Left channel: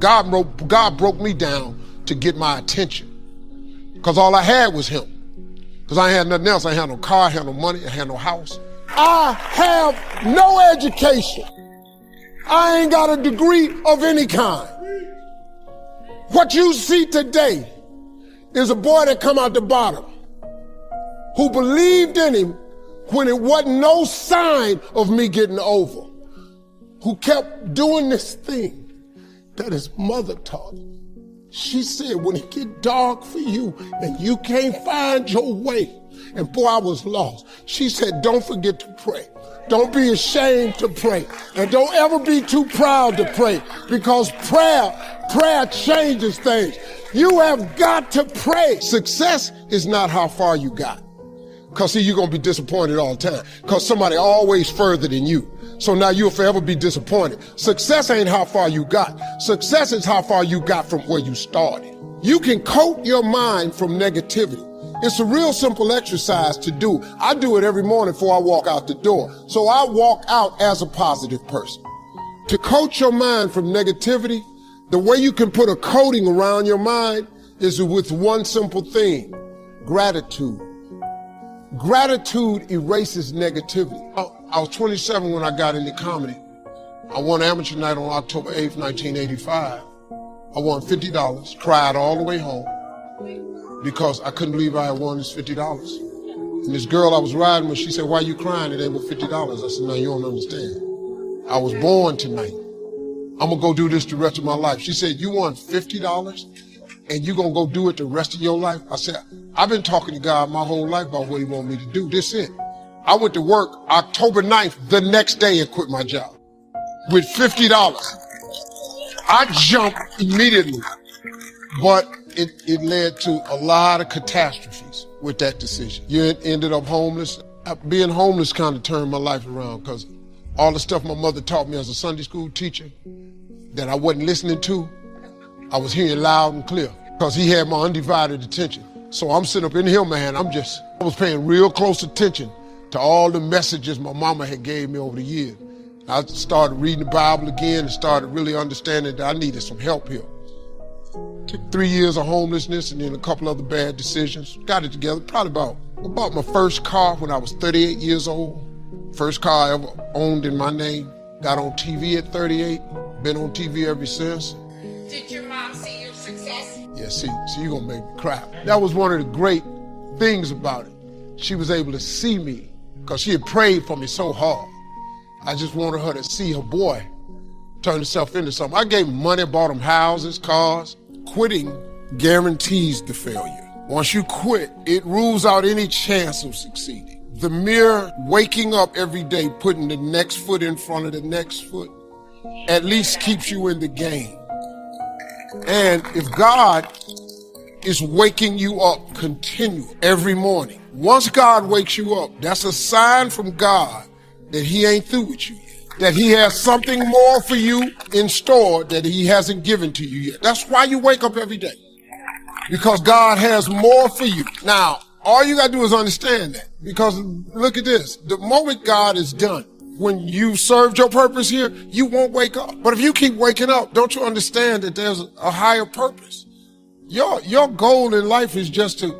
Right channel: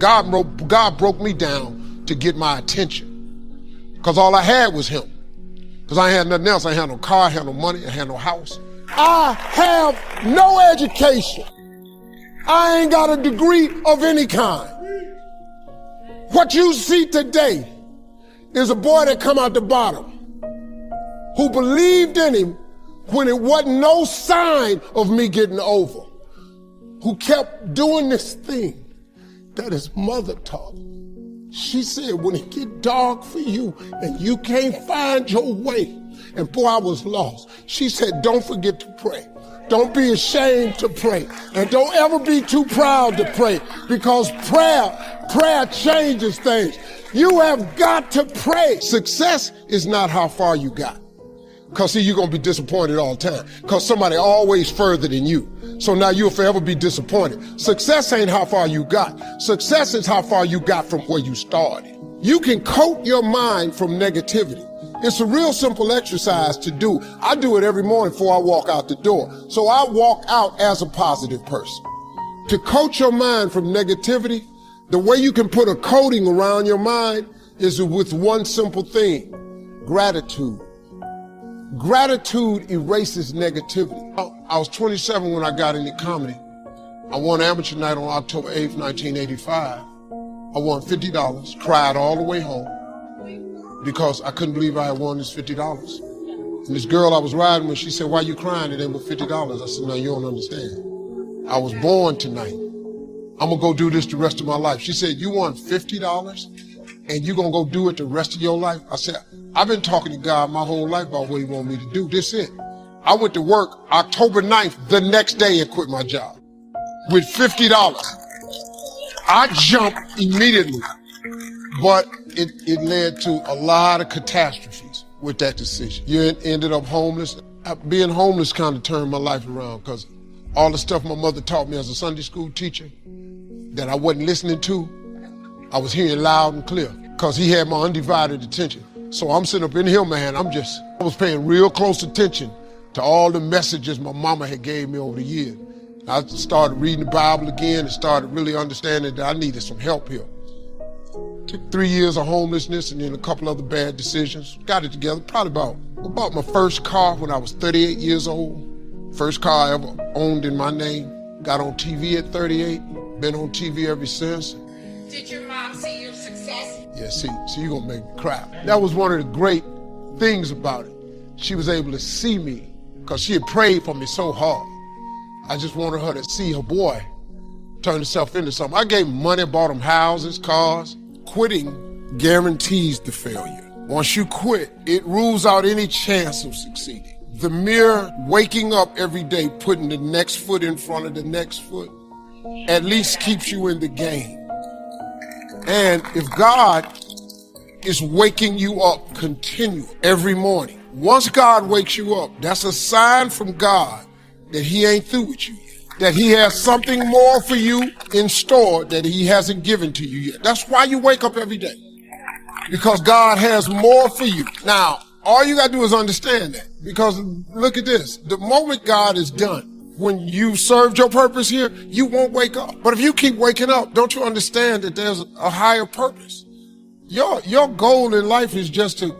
God broke me down to get my attention. Because all I had was him. Because I had nothing else. I had no car, I had no money, I had no house. I have no education. I ain't got a degree of any kind. What you see today is a boy that come out the bottom who believed in him when it wasn't no sign of me getting over, who kept doing this thing that his mother taught him. She said, when it get dark for you and you can't find your way, and boy, I was lost. She said, don't forget to pray. Don't be ashamed to pray. And don't ever be too proud to pray, because prayer changes things. You have got to pray. Success is not how far you got. Because see, you're going to be disappointed all the time. Because somebody always further than you. So now you'll forever be disappointed. Success ain't how far you got. Success is how far you got from where you started. You can coat your mind from negativity. It's a real simple exercise to do. I do it every morning before I walk out the door. So I walk out as a positive person. To coat your mind from negativity, the way you can put a coating around your mind is with one simple thing: gratitude. Gratitude erases negativity. I was 27 when I got into comedy. I won amateur night on October 8th, 1985. I won $50, cried all the way home because I couldn't believe I had won this $50. And this girl I was riding with, she said, why you crying today with $50? I said, no, you don't understand. I was born tonight. I'm gonna go do this the rest of my life. She said, you won $50? And you're gonna go do it the rest of your life? I said, I've been talking to God my whole life about what he want me to do. This is it. I went to work October 9th, the next day, and quit my job with $50. I jumped immediately, but it led to a lot of catastrophes with that decision. You ended up homeless. Being homeless kind of turned my life around, because all the stuff my mother taught me as a Sunday school teacher that I wasn't listening to, I was hearing loud and clear, because he had my undivided attention. So I'm sitting up in here, man, I was paying real close attention to all the messages my mama had gave me over the years. I started reading the Bible again and started really understanding that I needed some help here. Took 3 years of homelessness and then a couple other bad decisions. Got it together, probably I bought my first car when I was 38 years old. First car I ever owned in my name. Got on TV at 38, been on TV ever since. Did your mom see your success? Yeah, see, you're gonna make me cry. That was one of the great things about it. She was able to see me, because she had prayed for me so hard. I just wanted her to see her boy turn himself into something. I gave him money, bought him houses, cars. Quitting guarantees the failure. Once you quit, it rules out any chance of succeeding. The mere waking up every day, putting the next foot in front of the next foot, at least keeps you in the game. And if God is waking you up continually every morning, once God wakes you up, that's a sign from God that he ain't through with you yet, that he has something more for you in store that he hasn't given to you yet. That's why you wake up every day, because God has more for you. Now, all you gotta do is understand that, because look at this. The moment God is done, when you served your purpose here, you won't wake up. But if you keep waking up, don't you understand that there's a higher purpose? Your goal in life is just to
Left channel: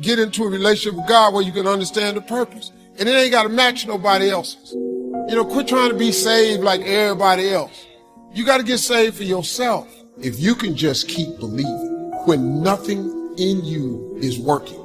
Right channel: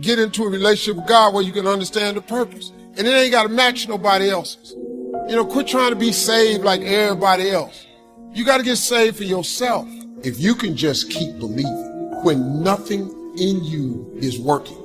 get into a relationship with God where you can understand the purpose. And it ain't got to match nobody else's. You know, quit trying to be saved like everybody else. You got to get saved for yourself. If you can just keep believing, when nothing in you is working,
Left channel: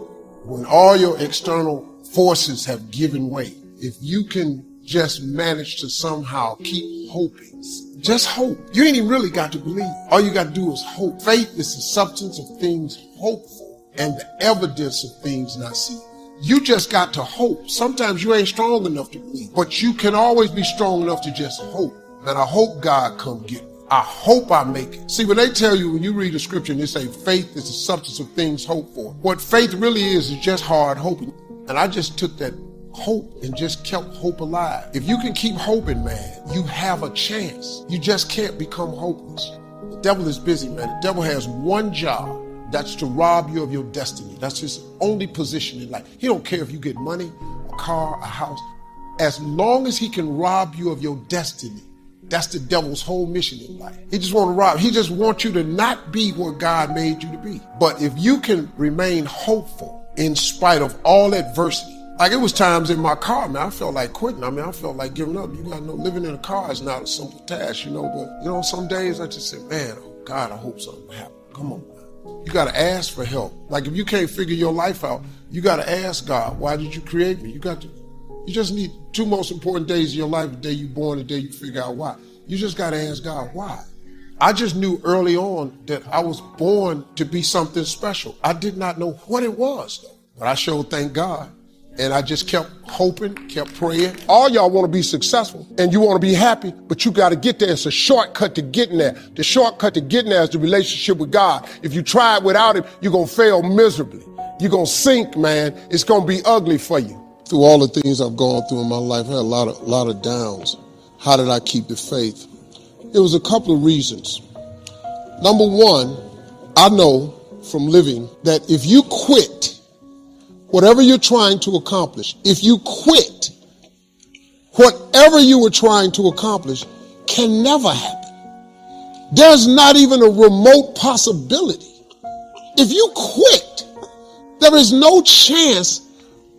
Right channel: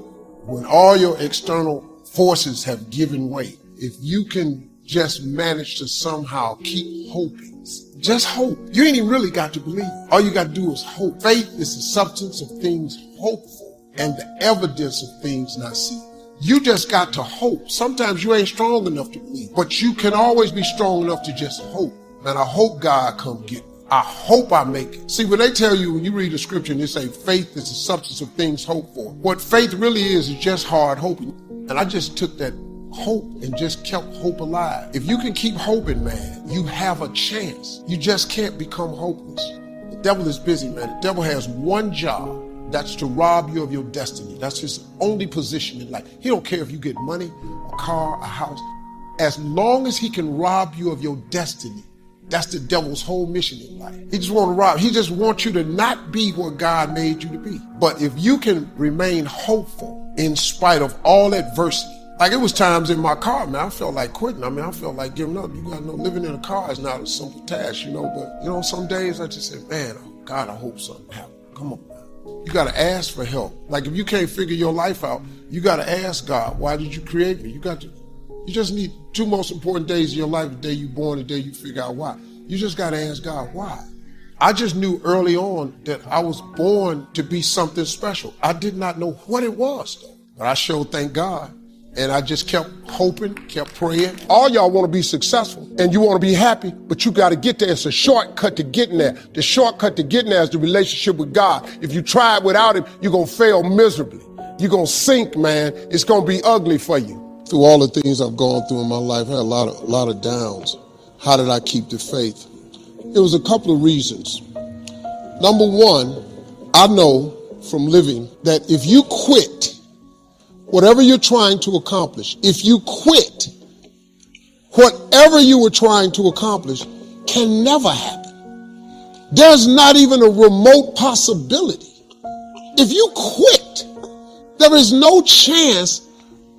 when all your external forces have given way, if you can just manage to somehow keep hoping, just hope. You ain't even really got to believe. All you got to do is hope. Faith is the substance of things hoped for and the evidence of things not seen. You just got to hope. Sometimes you ain't strong enough to believe, but you can always be strong enough to just hope. And I hope God come get me. I hope I make it. See, when they tell you, when you read the scripture and they say faith is the substance of things hoped for, what faith really is just hard hoping. And I just took that hope and just kept hope alive. If you can keep hoping, man, you have a chance. You just can't become hopeless. The devil is busy, man. The devil has one job. That's to rob you of your destiny. That's his only position in life. He don't care if you get money, a car, a house. As long as he can rob you of your destiny, That's the devil's whole mission in life. He just wants to rob. He just wants you to not be what God made you to be. But if you can remain hopeful in spite of all adversity, like it was times in my car, man, I felt like quitting. I mean, I felt like giving up. You got no living in a car is not a simple task, But, some days I just say, man, oh God, I hope something happens. Come on, man. You got to ask for help. Like if you can't figure your life out, you got to ask God, why did you create me? You just need two most important days in your life, the day you're born, the day you figure out why. You just got to ask God, why? I just knew early on that I was born to be something special. I did not know what it was, though. But I sure thank God. And I just kept hoping, kept praying. All y'all want to be successful and you want to be happy, but you got to get there. It's a shortcut to getting there. The shortcut to getting there is the relationship with God. If you try it without it, you're going to fail miserably. You're going to sink, man. It's going to be ugly for you. Through all the things I've gone through in my life, I had a lot of downs. How did I keep the faith? There was a couple of reasons. Number one, I know from living that if you quit whatever you're trying to accomplish, if you quit, whatever you were trying to accomplish can never happen. There's not even a remote possibility. If you quit, there is no chance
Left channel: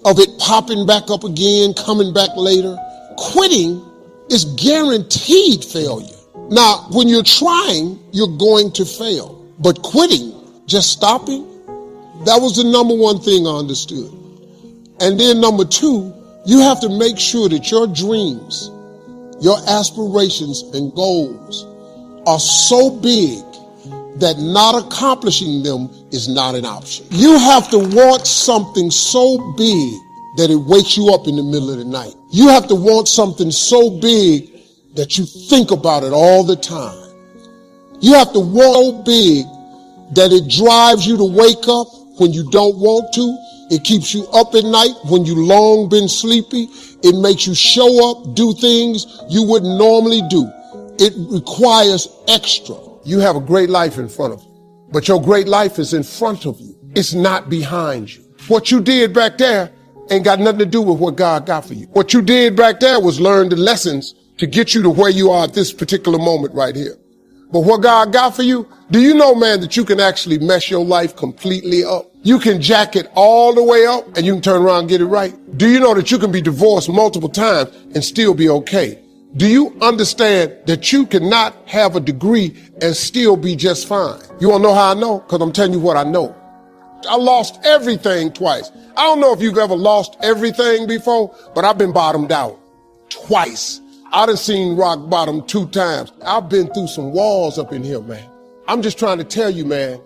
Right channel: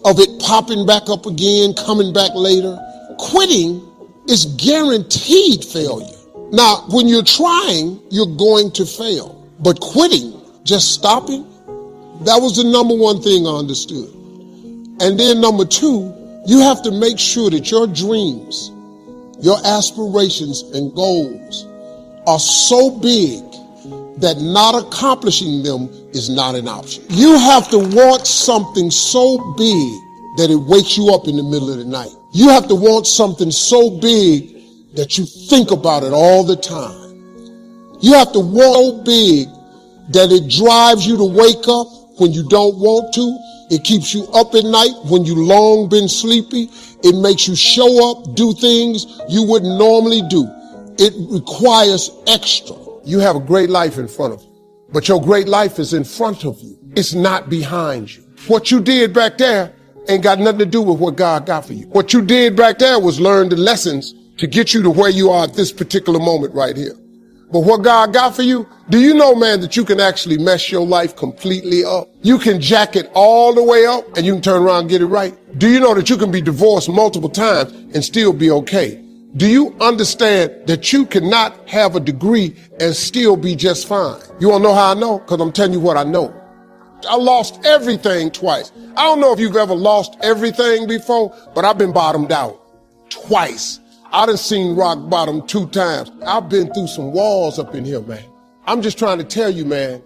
of it popping back up again, coming back later. Quitting is guaranteed failure. Now, when you're trying, you're going to fail. But quitting, just stopping, that was the number one thing I understood. And then number two, you have to make sure that your dreams, your aspirations and goals are so big that not accomplishing them is not an option. You have to want something so big that it wakes you up in the middle of the night. You have to want something so big that you think about it all the time. You have to want so big that it drives you to wake up when you don't want to. It keeps you up at night when you long been sleepy. It makes you show up, do things you wouldn't normally do. It requires extra. You have a great life in front of you, but your great life is in front of you. It's not behind you. What you did back there ain't got nothing to do with what God got for you. What you did back there was learn the lessons to get you to where you are at this particular moment right here. But what God got for you, do you know, man, that you can actually mess your life completely up? You can jack it all the way up and you can turn around and get it right. Do you know that you can be divorced multiple times and still be okay? Do you understand that you cannot have a degree and still be just fine? You want to know how I know? Because I'm telling you what I know. I lost everything twice. I don't know if you've ever lost everything before, but I've been bottomed out twice. I done seen rock bottom 2 times. I've been through some walls up in here, man. I'm just trying to tell you, man,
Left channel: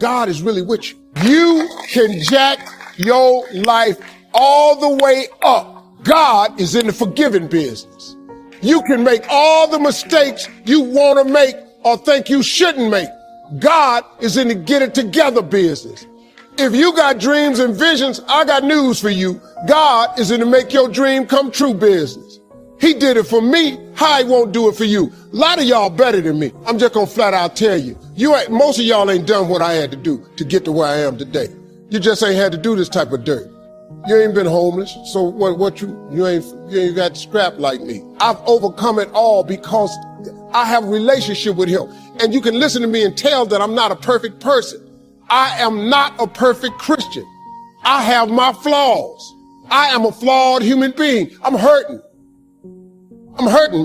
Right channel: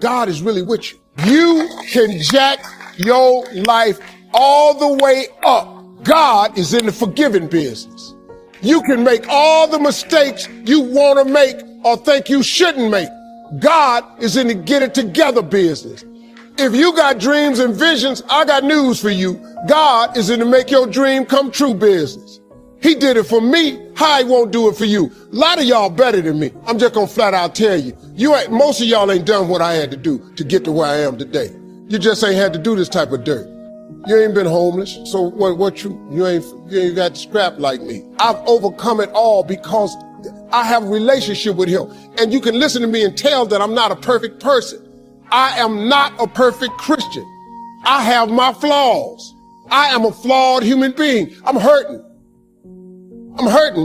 God is really with you. You can jack your life all the way up. God is in the forgiving business. You can make all the mistakes you want to make or think you shouldn't make. God is in the get it together business. If you got dreams and visions, I got news for you. God is in the make your dream come true business. He did it for me. How he won't do it for you? A lot of y'all better than me. I'm just gonna flat out tell you. Most of y'all ain't done what I had to do to get to where I am today. You just ain't had to do this type of dirt. You ain't been homeless, so you ain't got scrap like me. I've overcome it all because I have a relationship with him. And you can listen to me and tell that I'm not a perfect person. I am not a perfect Christian. I have my flaws. I am a flawed human being. I'm hurting,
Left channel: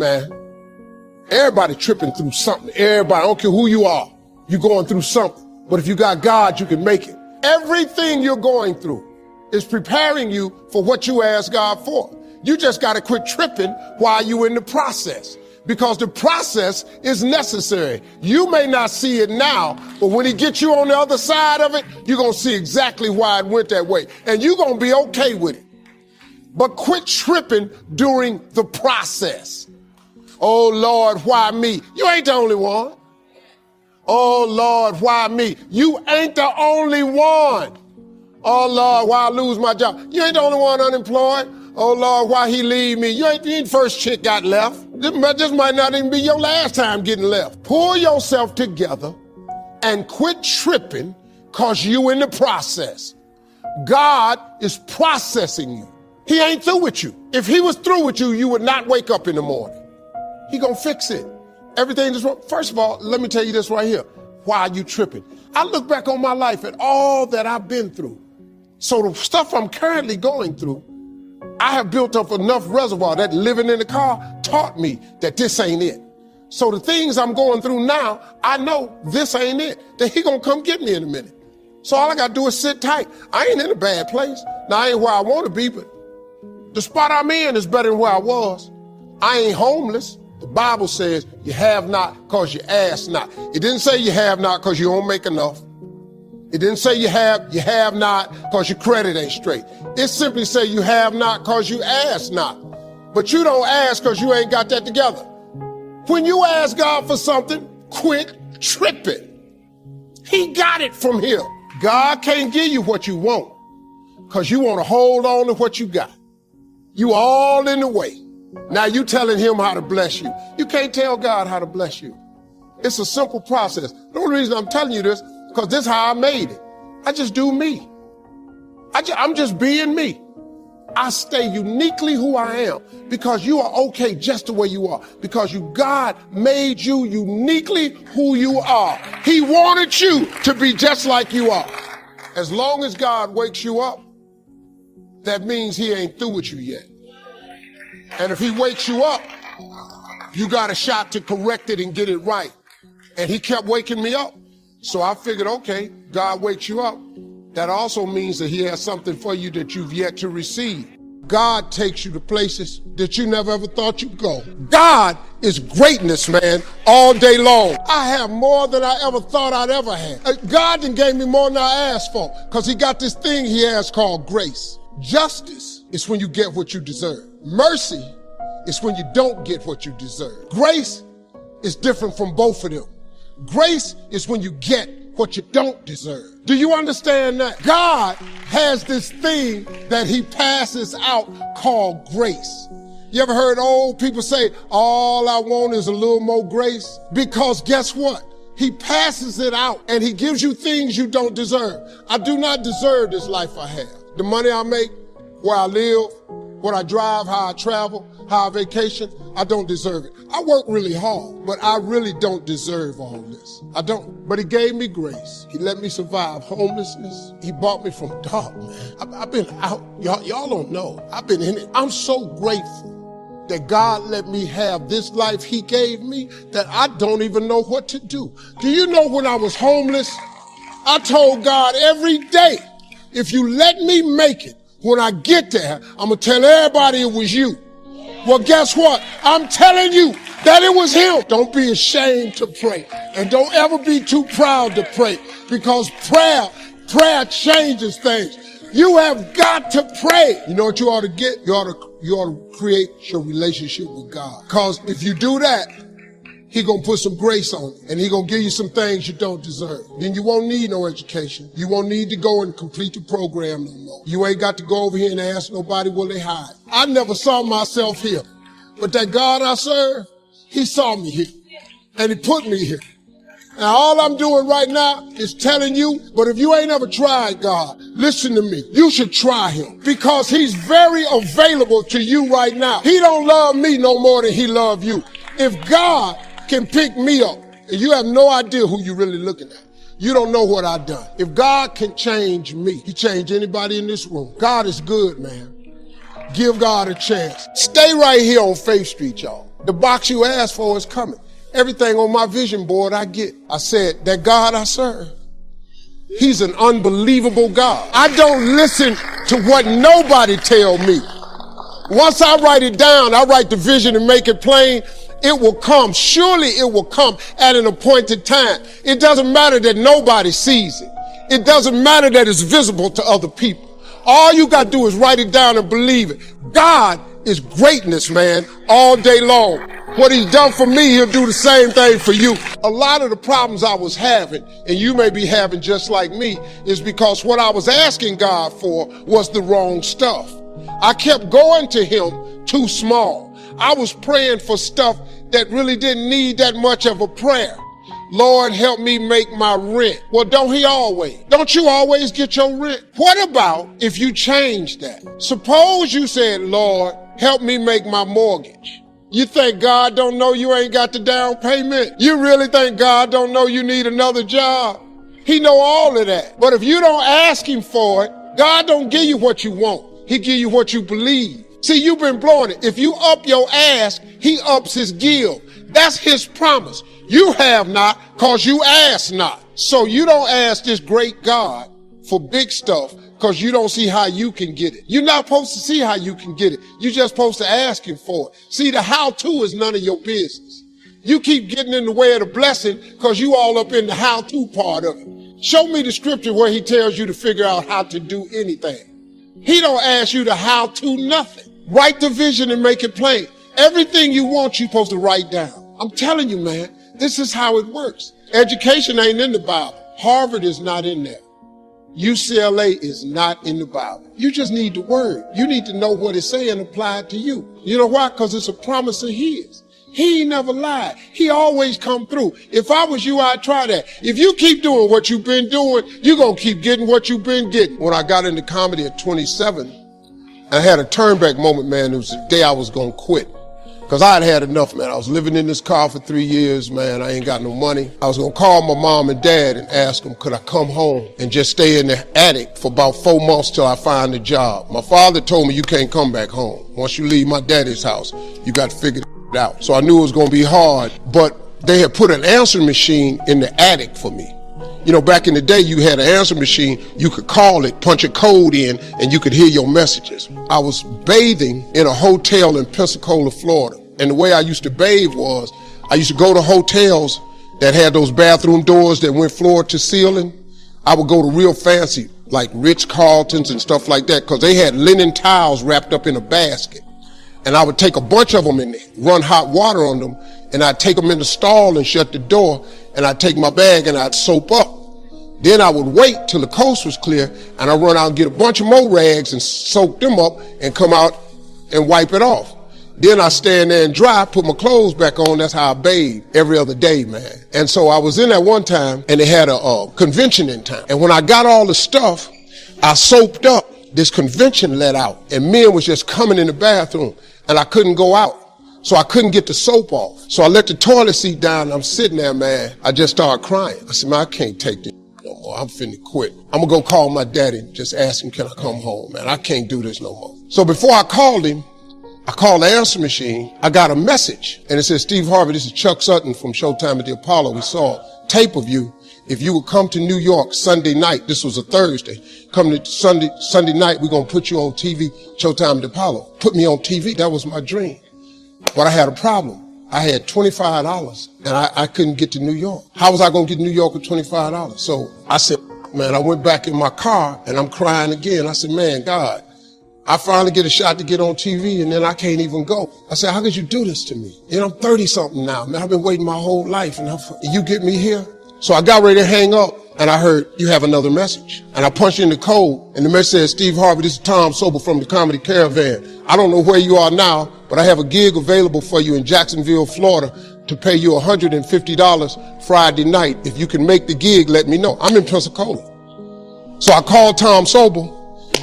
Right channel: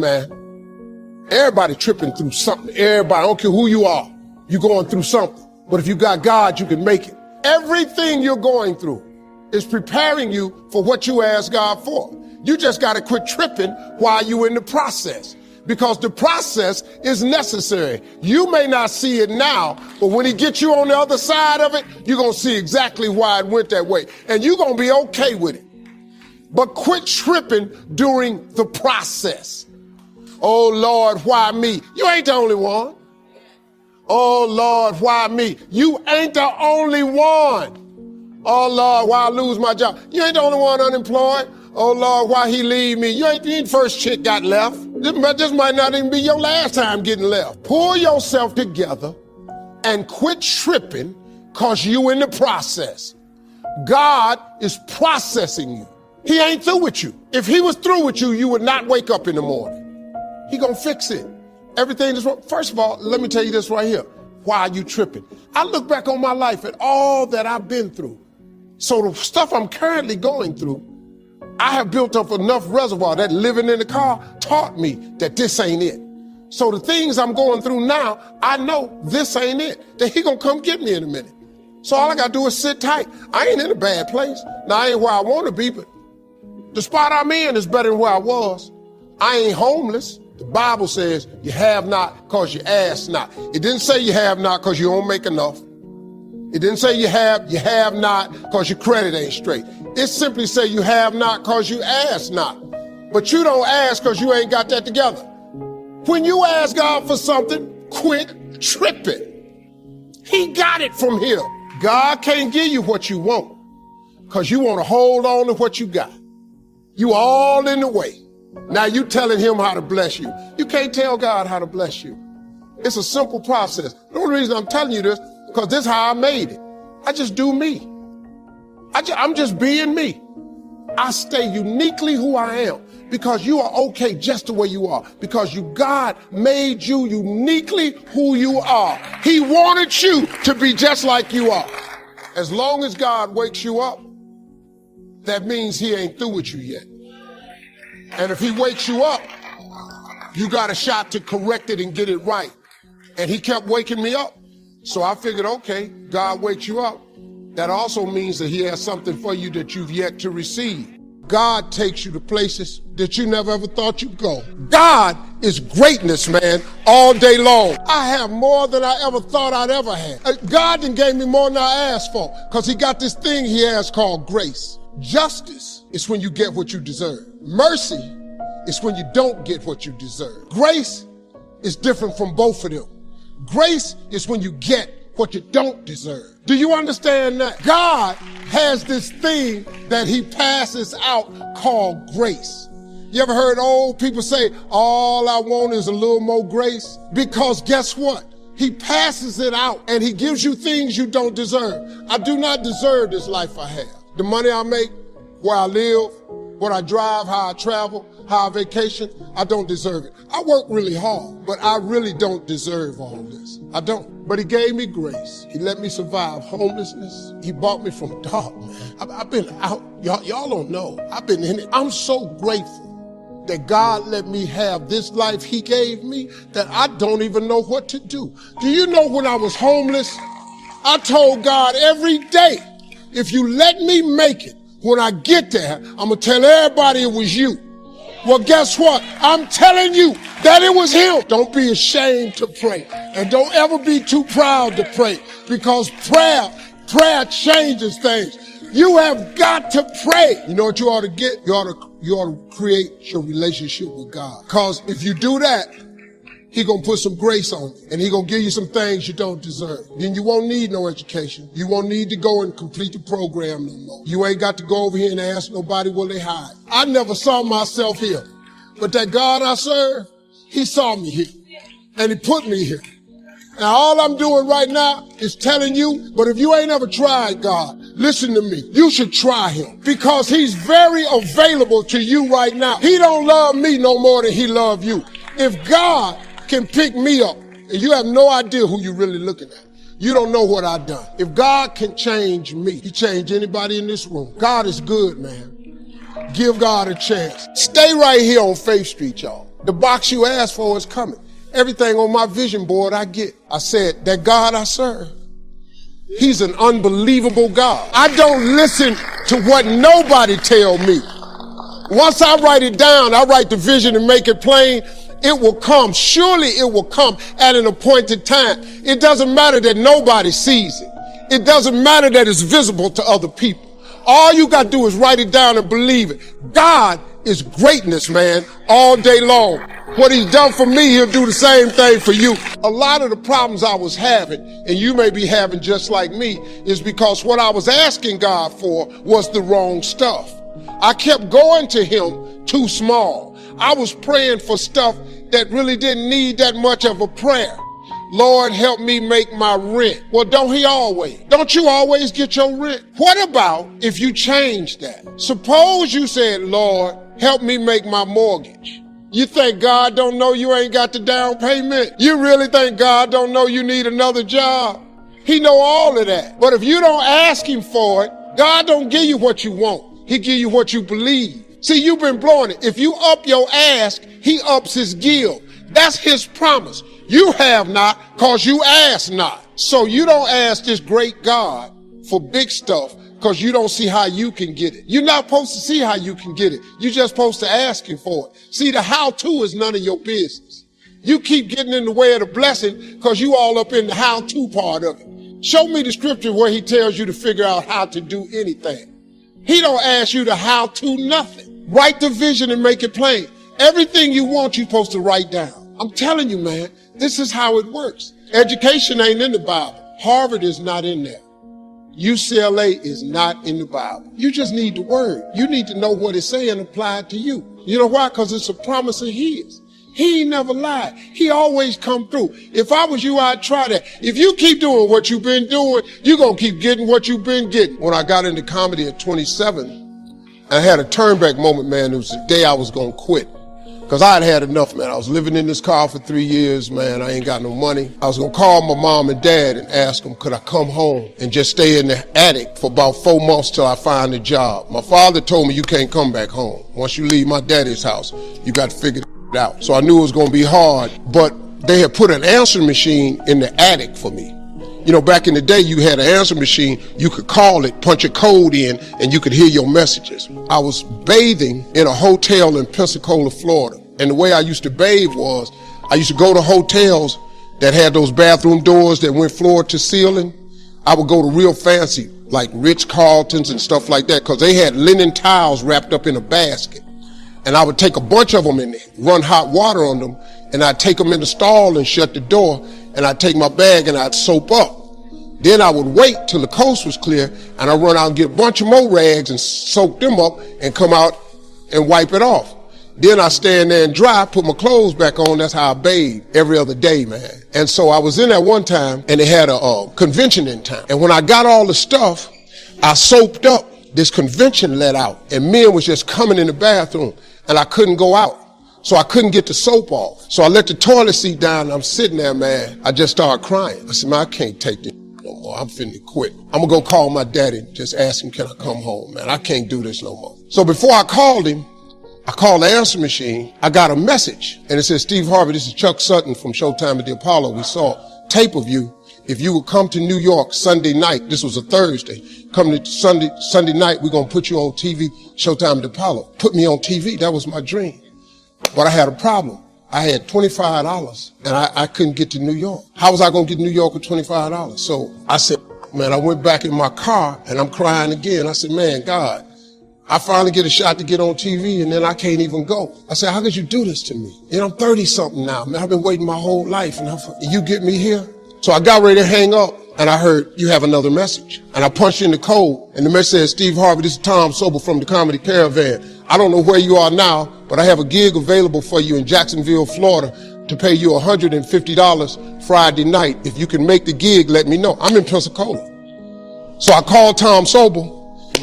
man. Everybody tripping through something. Everybody, I don't care who you are. You're going through something. But if you got God, you can make it. Everything you're going through is preparing you for what you ask God for. You just got to quit tripping while you're in the process, because the process is necessary. You may not see it now, but when he gets you on the other side of it, you're going to see exactly why it went that way. And you're going to be okay with it. But quit tripping during the process. Oh, Lord, why me? You ain't the only one. Oh, Lord, why me? You ain't the only one. Oh, Lord, why I lose my job? You ain't the only one unemployed. Oh, Lord, why he leave me? You ain't the first chick got left. This might not even be your last time getting left. Pull yourself together and quit tripping because you in the process. God is processing you. He ain't through with you. If he was through with you, you would not wake up in the morning. He gonna fix it. Everything is wrong. First of all, let me tell you this right here. Why are you tripping? I look back on my life and all that I've been through. So the stuff I'm currently going through, I have built up enough reservoir that living in the car taught me that this ain't it. So the things I'm going through now, I know this ain't it. That he gonna come get me in a minute. So all I gotta do is sit tight. I ain't in a bad place. Now I ain't where I wanna be, but the spot I'm in is better than where I was. I ain't homeless. The Bible says you have not because you ask not. It didn't say you have not because you don't make enough. It didn't say you have not because your credit ain't straight. It simply say you have not because you ask not. But you don't ask because you ain't got that together. When you ask God for something, quit tripping. He got it from him. God can't give you what you want because you want to hold on to what you got. You all in the way. Now you telling him how to bless you. You can't tell God how to bless you. It's a simple process. The only reason I'm telling you this, because this is how I made it. I just do me. I'm just being me. I stay uniquely who I am because you are okay just the way you are. Because God made you uniquely who you are. He wanted you to be just like you are. As long as God wakes you up, that means he ain't through with you yet. And if he wakes you up, you got a shot to correct it and get it right. And he kept waking me up. So I figured, okay, God wakes you up. That also means that he has something for you that you've yet to receive. God takes you to places that you never ever thought you'd go. God is greatness, man, all day long. I have more than I ever thought I'd ever have. God done gave me more than I asked for because he got this thing he has called grace. Justice is when you get what you deserve. Mercy is when you don't get what you deserve. Grace is different from both of them. Grace is when you get what you don't deserve. Do you understand that? God has this thing that he passes out called grace. You ever heard old people say, all I want is a little more grace? Because guess what? He passes it out and he gives you things you don't deserve. I do not deserve this life I have. The money I make, where I live, what I drive, how I travel, how I vacation, I don't deserve it. I work really hard, but I really don't deserve all this. I don't. But he gave me grace. He let me survive homelessness. He brought me from dark. I've been out. Y'all don't know. I've been in it. I'm so grateful that God let me have this life he gave me that I don't even know what to do. Do you know when I was homeless, I told God every day, if you let me make it, when I get there, I'm going to tell everybody it was you. Well, guess what? I'm telling you that it was him. Don't be ashamed to pray. And don't ever be too proud to pray. Because prayer changes things. You have got to pray. You know what you ought to get? You ought to create your relationship with God. Because if you do that, he gonna put some grace on it, and he gonna give you some things you don't deserve. Then you won't need no education. You won't need to go and complete the program no more. You ain't got to go over here and ask nobody where they hide. I never saw myself here, but that God I serve, he saw me here, and he put me here. Now all I'm doing right now is telling you, but if you ain't ever tried God, listen to me. You should try him because he's very available to you right now. He don't love me no more than he love you. If God can pick me up, and you have no idea who you're really looking at. You don't know what I've done. If God can change me, he change anybody in this room. God is good, man. Give God a chance. Stay right here on Faith Street, y'all. The box you asked for is coming. Everything on my vision board I get. I said, that God I serve, he's an unbelievable God. I don't listen to what nobody tell me. Once I write it down, I write the vision and make it plain, it will come. Surely it will come at an appointed time. It doesn't matter that nobody sees it. It doesn't matter that it's visible to other people. All you got to do is write it down and believe it. God is greatness, man, all day long. What he's done for me, he'll do the same thing for you. A lot of the problems I was having, and you may be having just like me, is because what I was asking God for was the wrong stuff. I kept going to him too small. I was praying for stuff that really didn't need that much of a prayer. Lord, help me make my rent. Well, don't he always? Don't you always get your rent? What about if you change that? Suppose you said, Lord, help me make my mortgage. You think God don't know you ain't got the down payment? You really think God don't know you need another job? He know all of that. But if you don't ask him for it, God don't give you what you want. He give you what you believe. See, you've been blowing it. If you up your ask, he ups his give. That's his promise. You have not because you ask not. So you don't ask this great God for big stuff because you don't see how you can get it. You're not supposed to see how you can get it. You're just supposed to ask him for it. See, the how-to is none of your business. You keep getting in the way of the blessing because you all up in the how-to part of it. Show me the scripture where he tells you to figure out how to do anything. He don't ask you to how-to nothing. Write the vision and make it plain. Everything you want, you're supposed to write down. I'm telling you, man, this is how it works. Education ain't in the Bible. Harvard is not in there. UCLA is not in the Bible. You just need the word. You need to know what it's saying applied to you. You know why? Because it's a promise of his. He ain't never lied. He always come through. If I was you, I'd try that. If you keep doing what you've been doing, you're going to keep getting what you've been getting. When I got into comedy at 27, I had a turnback moment, man. It was the day I was going to quit. Because I had enough, man. I was living in this car for 3 years, man. I ain't got no money. I was going to call my mom and dad and ask them, could I come home and just stay in the attic for about 4 months till I find a job. My father told me, you can't come back home. Once you leave my daddy's house, you got to figure it out. So I knew it was going to be hard, but they had put an answering machine in the attic for me. You know, back in the day, you had an answering machine. You could call it, punch a code in, and you could hear your messages. I was bathing in a hotel in Pensacola, Florida. And the way I used to bathe was, I used to go to hotels that had those bathroom doors that went floor to ceiling. I would go to real fancy, like Ritz-Carltons and stuff like that, because they had linen towels wrapped up in a basket. And I would take a bunch of them and run hot water on them, and I'd take them in the stall and shut the door, and I'd take my bag and I'd soap up. Then I would wait till the coast was clear, and I'd run out and get a bunch of more rags and soak them up and come out and wipe it off. Then I stand there and dry, put my clothes back on. That's how I bathe every other day, man. And so I was in at one time, and they had a convention in town. And when I got all the stuff, I soaped up. This convention let out, and men was just coming in the bathroom, and I couldn't go out. So I couldn't get the soap off. So I let the toilet seat down, and I'm sitting there, man. I just started crying. I said, man, I can't take this no more. I'm finna quit. I'm gonna go call my daddy and just ask him, can I come home, man? I can't do this no more. So before I called him, I called the answer machine. I got a message, and it said, Steve Harvey, this is Chuck Sutton from Showtime at the Apollo. We saw a tape of you. If you would come to New York Sunday night, this was a Thursday, come to Sunday night, we're gonna put you on TV, Showtime at the Apollo. Put me on TV, that was my dream. But I had a problem. I had $25, and I couldn't get to New York. How was I gonna get to New York with $25? So I said, man, I went back in my car, and I'm crying again. I said, man, God, I finally get a shot to get on TV, and then I can't even go. I said, how could you do this to me? And I'm 30-something now. Man, I've been waiting my whole life, and you get me here? So I got ready to hang up, and I heard, you have another message. And I punched in the code, and the message said, Steve Harvey, this is Tom Sober from the Comedy Caravan. I don't know where you are now, but I have a gig available for you in Jacksonville, Florida, to pay you $150 Friday night. If you can make the gig, let me know. I'm in Pensacola. So I called Tom Sober.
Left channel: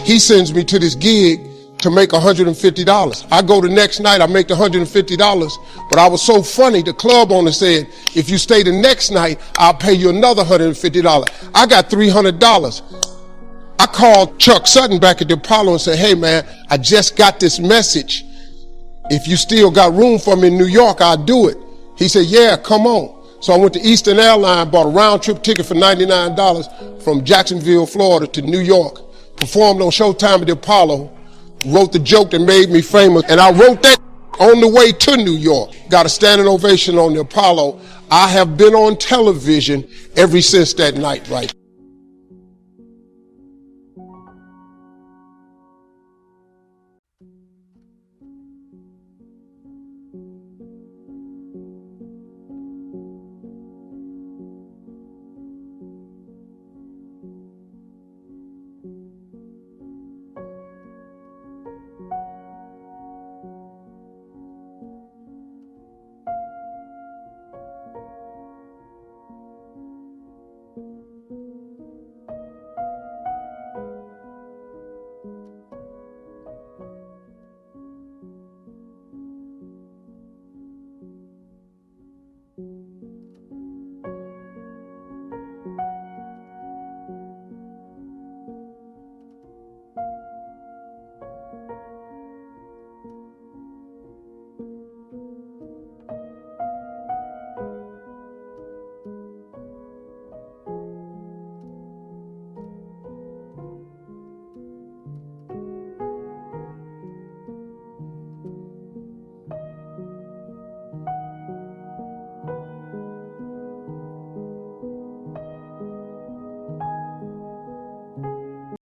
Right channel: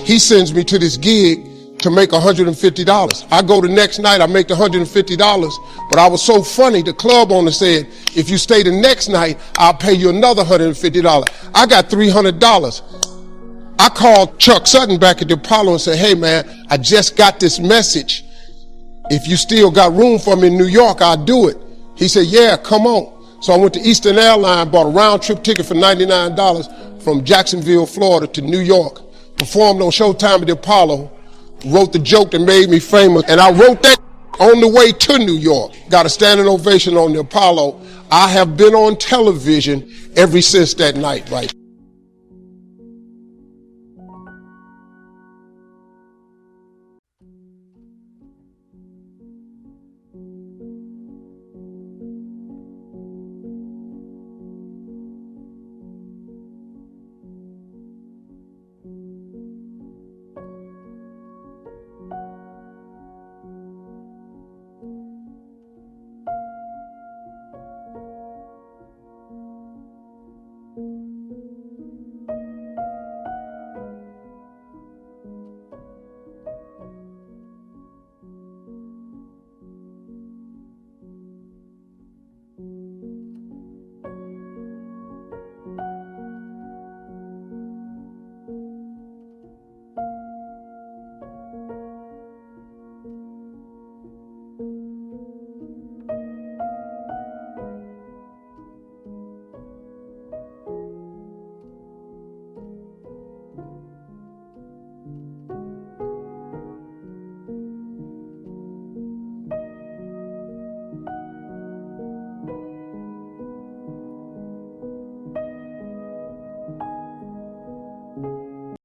He sends me to this gig to make $150. I go the next night, I make the $150, but I was so funny, the club owner said, if you stay the next night, I'll pay you another $150. I got $300. I called Chuck Sutton back at the Apollo and said, hey man, I just got this message. If you still got room for me in New York, I'll do it. He said, yeah, come on. So I went to Eastern Airlines, bought a round trip ticket for $99 from Jacksonville, Florida to New York, performed on Showtime at the Apollo, wrote the joke that made me famous, and I wrote that on the way to New York. Got a standing ovation on the Apollo. I have been on television ever since that night, right?